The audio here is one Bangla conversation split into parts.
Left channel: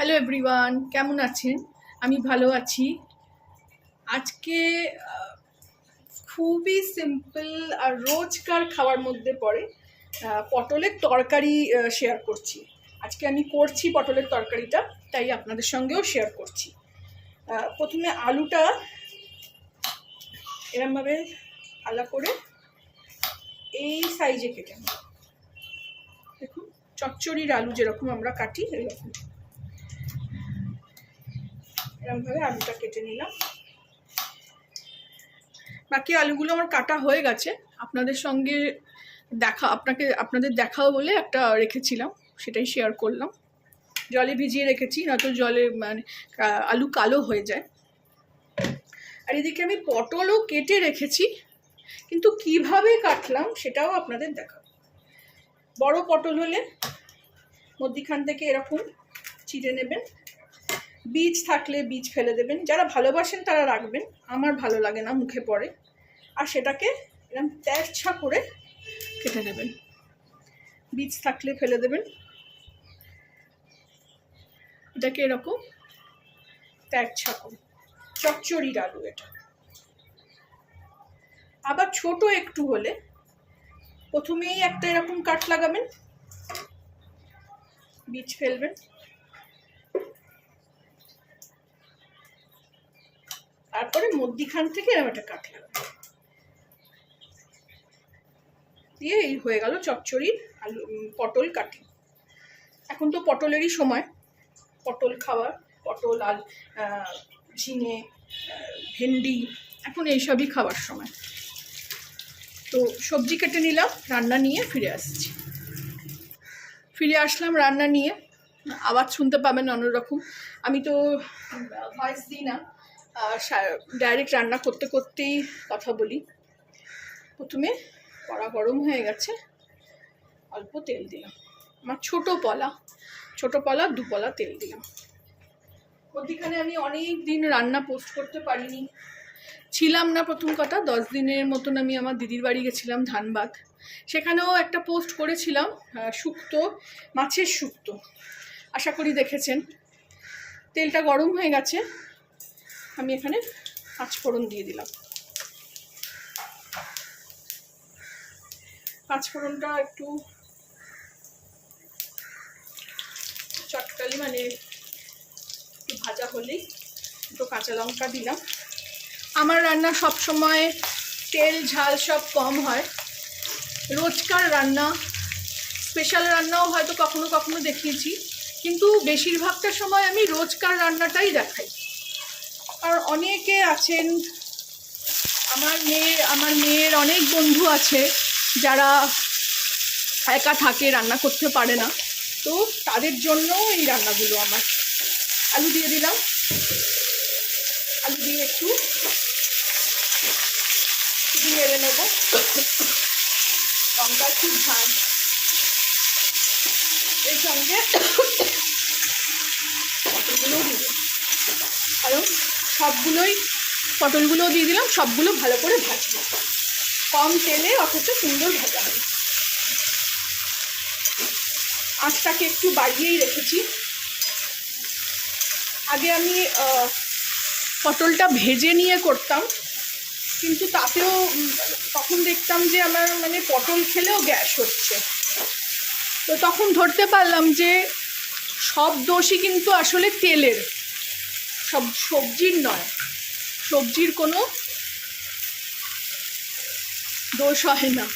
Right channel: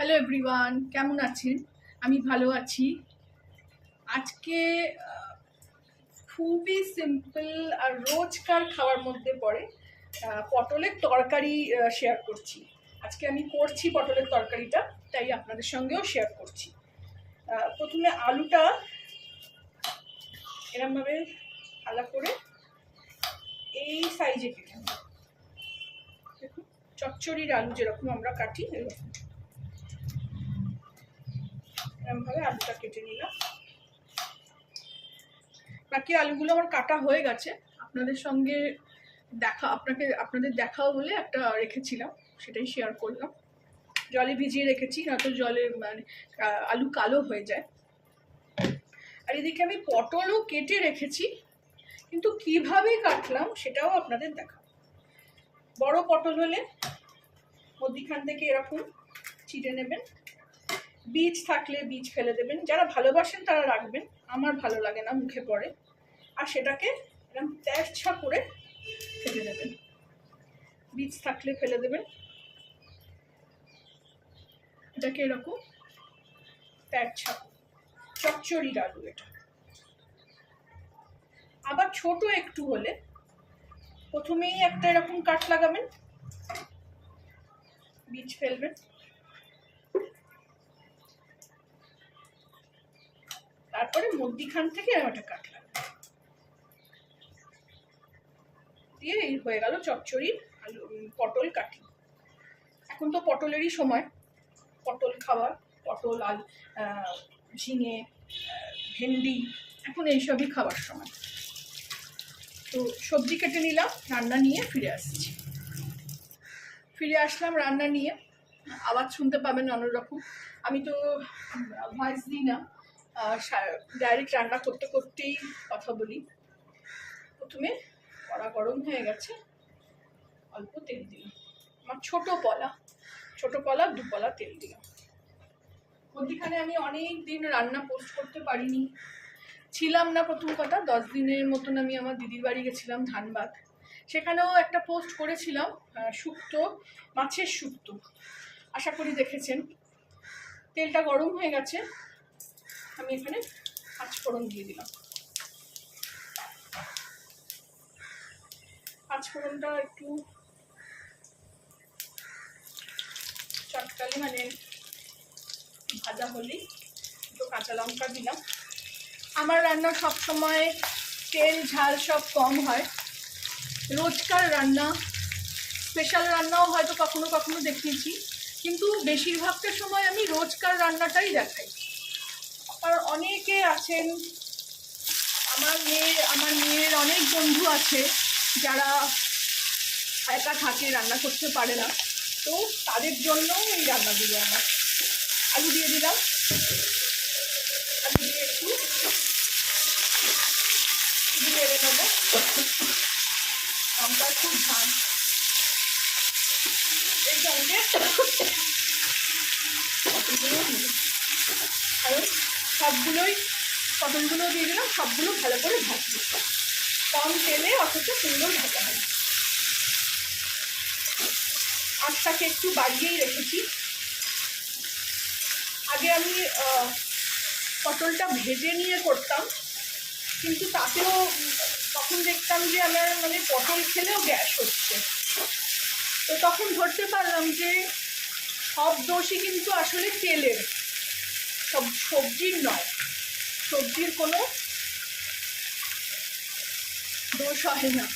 হ্যালো এভরিওয়ান, কেমন আছেন? আমি ভালো আছি। আজকে খুবই সিম্পল আর রোজকার খাওয়ার মধ্যে পড়ে পটলের তরকারি শেয়ার করছি। আজকে আমি করছি পটলের তরকারিটা, তাই আপনাদের সঙ্গেও শেয়ার করছি। প্রথমে আলুটা এরমভাবে আলাদা করে এই সাইজে কেটে নেব। দেখুন, চচ্চড়ির আলু যেরকম আমরা কাটি এরকম এরকমভাবে আলুটা কেটে নিলাম। বাকি আলুগুলো আমার কাটা হয়ে গেছে, আপনাদের সঙ্গে আপনাদের দেখাও বলে একটা রেখেছিলাম, সেটাই শেয়ার করলাম। জলে ভিজিয়ে রেখেছি, নয়তো জলে মানে আলু কালো হয়ে যায়। আর এদিকে আমি পটলও কেটে রেখেছি, কিন্তু কিভাবে কাটলাম সেটাও আপনাদের দেখাবো। বড় পটল হলে মধ্যিখান থেকে এরকম চিড়ে নেবেন, বীজ থাকলে বীজ ফেলে দেবেন, যারা ভালোবাসেন তারা রাখবেন, আমার ভালো লাগে না, মুখে পড়ে। আর সেটাকে এরকম তেরছা করে কেটে নেবেন, বীজ থাকলে ফেলে দেবেন। এটাকে এরকম তেরছা করে, চচ্চড়ির আলু এটা। আবার ছোট একটু হলে প্রথমেই একটা এরকম কাট লাগাবেন, বীজ ফেলবেন, তারপরে মধ্যিখান থেকে এরকম একটা কাট লাগাবেন, দিয়ে এই হয়ে গেল চচ্চড়ির আলু পটল কাটি। এখন তো পটলেরই সময়, পটল খাওয়ার, পটল আলু ঝিঙে ভেন্ডি, এখন এইসবই খাওয়ার সময়। তো সবজি কেটে নিলাম, রান্না নিয়ে ফিরে আসলাম রান্না নিয়ে। আওয়াজ শুনতে পাবেন অন্যরকম, আমি তো ভয়েস দিই না, ডাইরেক্ট রান্না করতে করতেই কথা বলি। প্রথমে কড়া গরম হয়ে গেছে, অল্প তেল দিলাম, আমার ছোট পলা 2 পলা তেল দিলাম। মধ্যিখানে আমি অনেক দিন রান্না পোস্ট করতে পারিনি, ছিলাম না। প্রথম কথা, 10 দিনের মতন আমি আমার দিদির বাড়ি গেছিলাম ধানবাদ, সেখানেও একটা পোস্ট করেছিলাম শুক্তো, মাছের শুক্তো, আশা করি দেখেছেন। তেলটা গরম হয়ে গেছে, আমি এখানে 5 ফোড়ন দিয়ে দিলাম। 5 ফোড়নটা একটু চটকালি, মানে একটু ভাজা হলেই দুটো কাঁচা লঙ্কা দিলাম। আমার রান্না সব সময় তেল ঝাল সব কম হয়, রোজকার রান্না, স্পেশাল রান্নাও হয়তো কখনো কখনো দেখিয়েছি, কিন্তু বেশিরভাগটা সময় আমি রোজকার রান্নাটাই দেখাই। আর অনেকে আছেন, আমার মেয়ের অনেক বন্ধু আছে যারা একা থাকে, রান্না করতে পারে না, তো তাদের জন্য এই রান্নাগুলো আমার। আলু দিয়ে দিলাম, আলু দিয়ে একটু নেড়ে নেবো, লঙ্কা খুব ঝাল, এর সঙ্গে পটলগুলোও দিয়ে দিলাম, কারণ পটলগুলোও দিয়ে দিলাম, সবগুলো ভালো করে ভাজবো, কম তেলে অথচ সুন্দর ভাজা হবে। আঁচটাকে একটু বাড়িয়েই রেখেছি। আগে আমি পটলটা ভেজে নিয়ে করতাম, কিন্তু তাতেও তখন দেখতাম যে আমার মানে পটল খেলেও গ্যাস হচ্ছে। তো তখন ধরতে পারলাম যে সব দোষই কিন্তু আসলে তেলের, সব সবজির নয়, সবজির কোনো দোষ হয় না।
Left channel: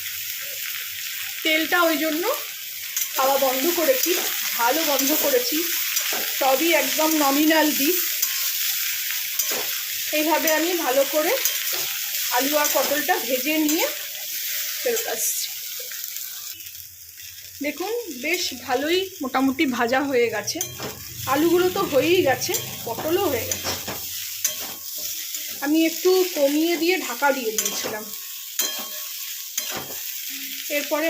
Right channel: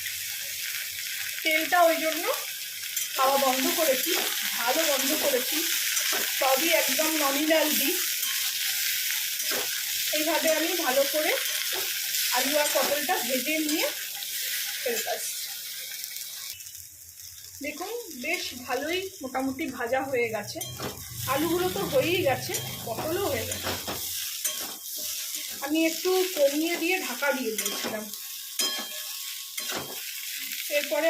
তেলটা ওই জন্য খাওয়া বন্ধ করেছি, ঝালও বন্ধ করেছি, সবই একদম নমিনাল দিই। এইভাবে আমি ভালো করে আলু আর পটলটা ভেজে নিয়ে ফেরত আসছি। দেখুন, বেশ ভালোই মোটামুটি ভাজা হয়ে গেছে, আলুগুলো তো হয়েই গেছে, পটলও হয়ে গেছে। আমি একটু কমিয়ে দিয়ে ঢাকা দিয়ে দিয়েছিলাম। এরপরে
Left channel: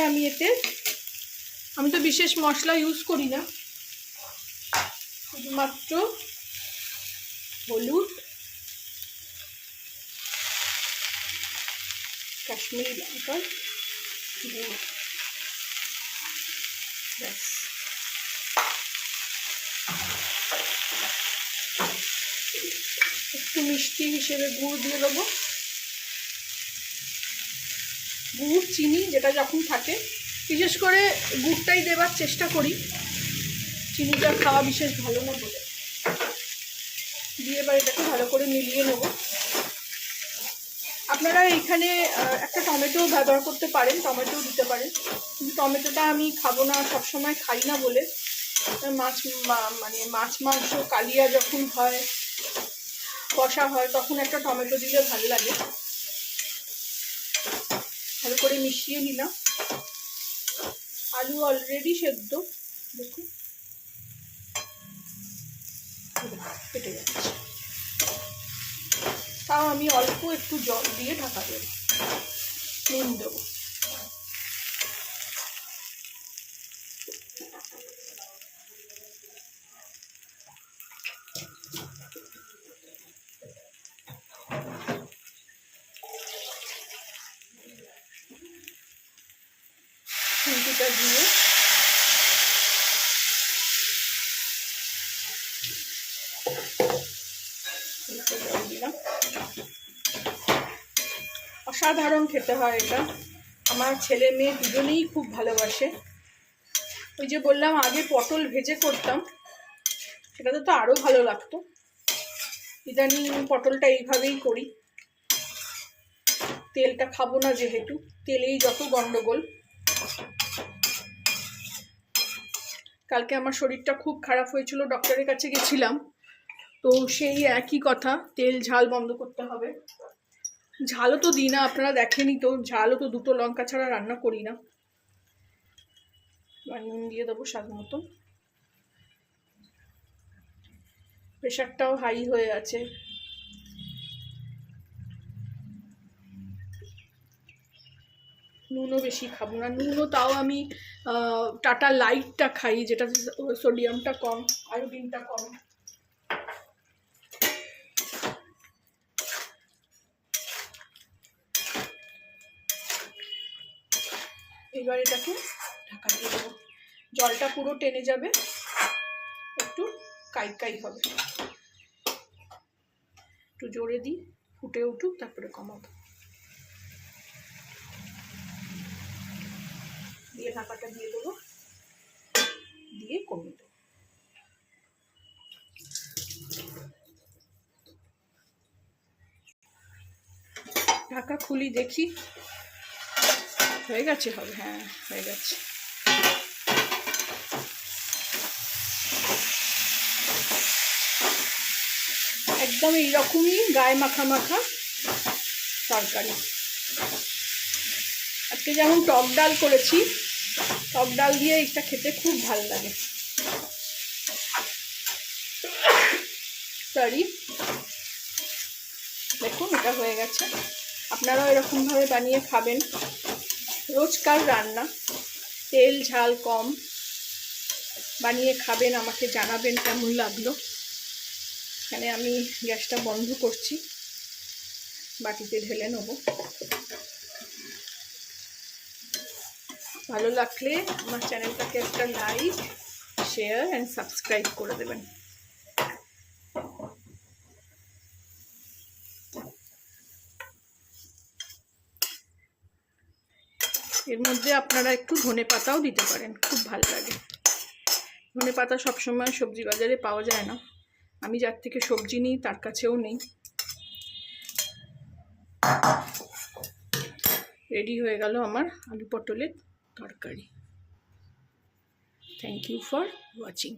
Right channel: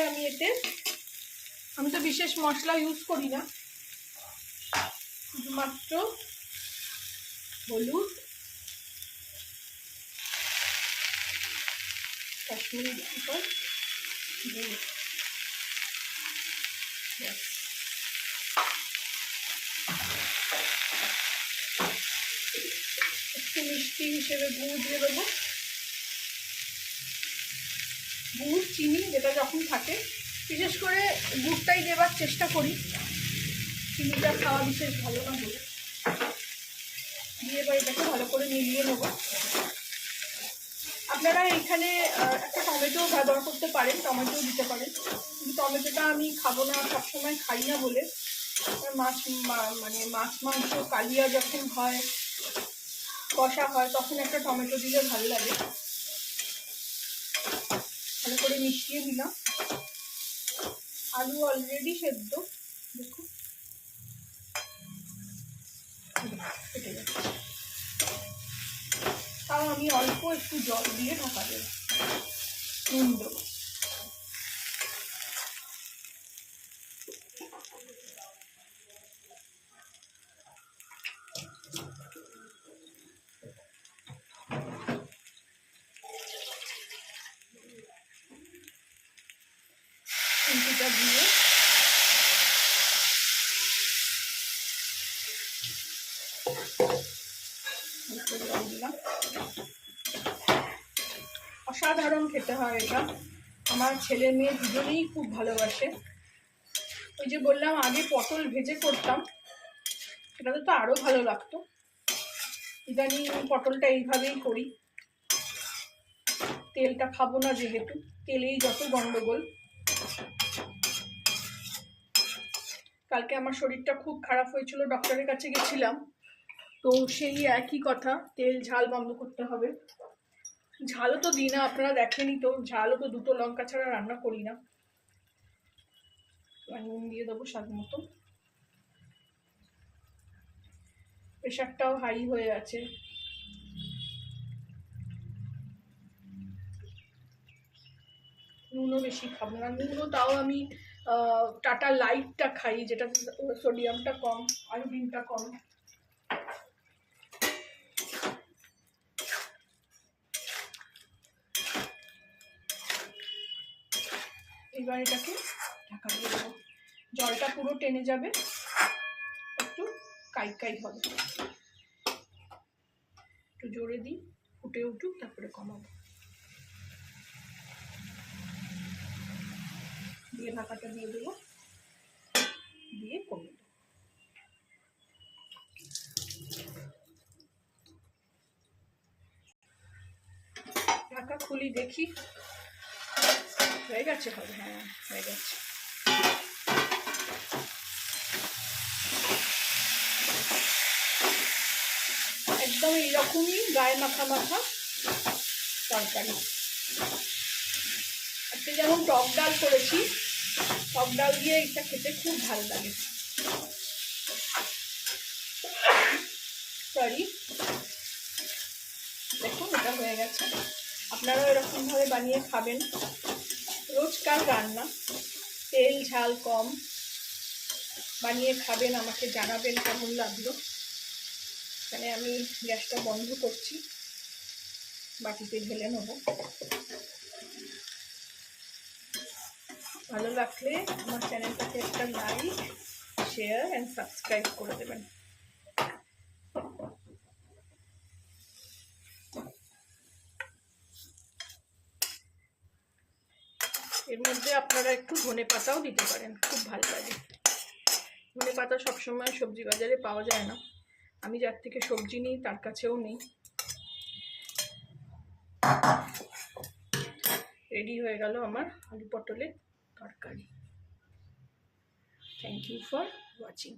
আমি তো বিশেষ মশলা ইউজ করি না, শুধুমাত্র হলুদ, কাশ্মীরি লঙ্কা, ব্যাস। মিষ্টি হিসেবে গুড় দিয়ে দেবো। গুড় চিনি যেটা যখন থাকে, বিশেষ করে গুড়টাই দেবার চেষ্টা করি, চিনিটা খাওয়া বিশেষ ভালো না বলে। দিয়ে এবার এটাকে ভালো করে মিলিয়ে নেব। আপনারা এখানে একটা টমেটো ব্যবহার করতে পারেন, টমেটোও দিতে পারেন, কিন্তু টমেটোটা আমি খাবো না, সবসময় খাই না বলে। মাছ মাংস কালিয়া যখন হয়, কষা হয়, তখন একটা টমেটো দিলে ভালো লাগে। ভালো করে মিশিয়ে নিলাম। আলু অলরেডি সেদ্ধ, দেখুন কেটে যাচ্ছে। তাও আমি অল্প একটু জল দিয়ে ঢাকা দেবো, নুন দেবো। খুন্তিটা দিয়ে দিলাম। অসাধারণ খেতে হয় এটা, আমার ছেলে মেয়ে দুজনেই খুব ভালোবাসে। ওই যে বললাম আগে পটল ভেজে করতাম, সেটাতে তো আরো ভালো লাগতো। ইদানিং পটলটা এইভাবেই করি, তেলটা খাবো না যেহেতু, তেলেই যত গন্ডগোল। কালকে আমার শরীরটা খুব খারাপ হয়েছিল, ডক্টরের কাছে গেছিলাম, তো সেই একই কথা, তেল ঝাল বন্ধ করতে হবে। ঝালও তো দিই না, আপনারা দেখেনি তো, ঝালও তো 2টো লঙ্কা ছাড়া রান্না করি না। নুন দিয়ে দেবো স্বাদ মতো। প্রেশারটাও হাই হয়ে আছে, নুনও বেশি খাবো না। নুনও তাও আমি টাটা লাইটটা খাই, যেটা সোডিয়ামটা কম, আয়োডিনটা কম। এবার এটাকে ঢাকা দিয়ে দেবো, জলটা পুরো টেনে যাবে, একটু কাই কাই হবে। একটু জোরে দিই, ফুটে উঠুক, তারপরে কমাবো। দিয়ে ঢাকাটা দিয়ে দেবো, দিয়ে কমিয়ে দেবো। ঢাকা খুলি দেখি, হয়ে গেছে, হবে, হ্যাঁ হয়ে গেছে। একদম এইরকমই গায়ে মাখা মাখা তরকারি। আজকে যেমন টক ডাল করেছি, টক ডাল দিয়ে এটা খেতে খুব ভালো লাগে। সরি, দেখুন এটা হয়ে গেছে। আপনারাও এরকমভাবে বানিয়ে খাবেন, রোজকার রান্না, তেল ঝাল কম, বানিয়ে খাবেন, আমাকে জানাবেন কেমন লাগলো। এখানে আমি গ্যাসটা বন্ধ করছি, বাটিতে ঢেলে নেব। ভালো লাগলে আমার চ্যানেলটাকে একটা লাইক, শেয়ার অ্যান্ড সাবস্ক্রাইব করে দেবেন। এর মধ্যে আপনারা একটু ধনে পাতাও দিতে পারেন, খুব ভালো লাগে। ধনে পাতা সবসময় সবজি বাজারে পাওয়া যায় না, আমি যার থেকে সবজি নিই তার কাছেও নেই। রেডি হয়ে গেল আমার আলু পটলের তরকারি। Thank you for watching.